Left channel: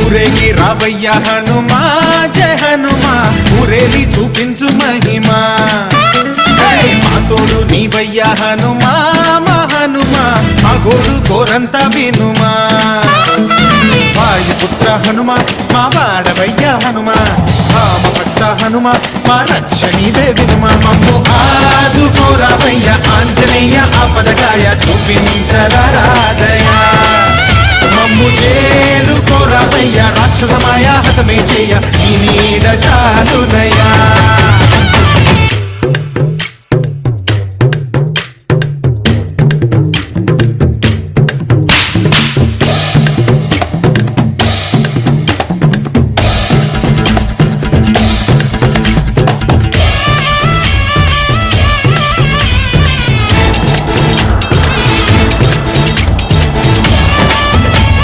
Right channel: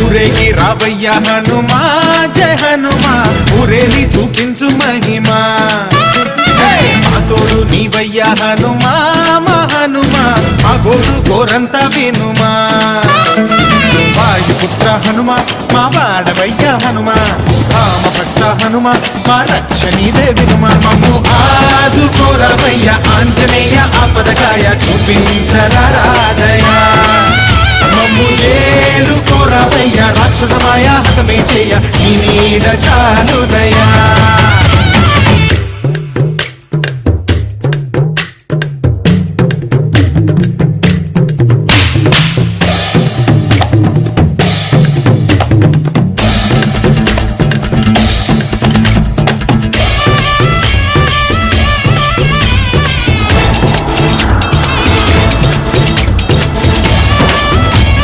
ఊరేగి రావయ్య హనుమా జయ హనుమా ఊరేలి చూపించు మహిమా మా తోడు నీవయ్య హనుమా మా హనుమా మా గోడు గోరంత వినుమా వాయుపుత్ర హనుమా మా వాడవయ్య హనుమా రామ భక్త హనుమా మా రక్షణీదే వినుమా మమ్ము ఆదుకోరావయ్య ఆంజనేయ ఆపదకాయ చూపించరాదయా మమ్ము ఏలు కోరావయ్య రాక్షసమాయ హతమే చేయ నీ నీడ చాలునయా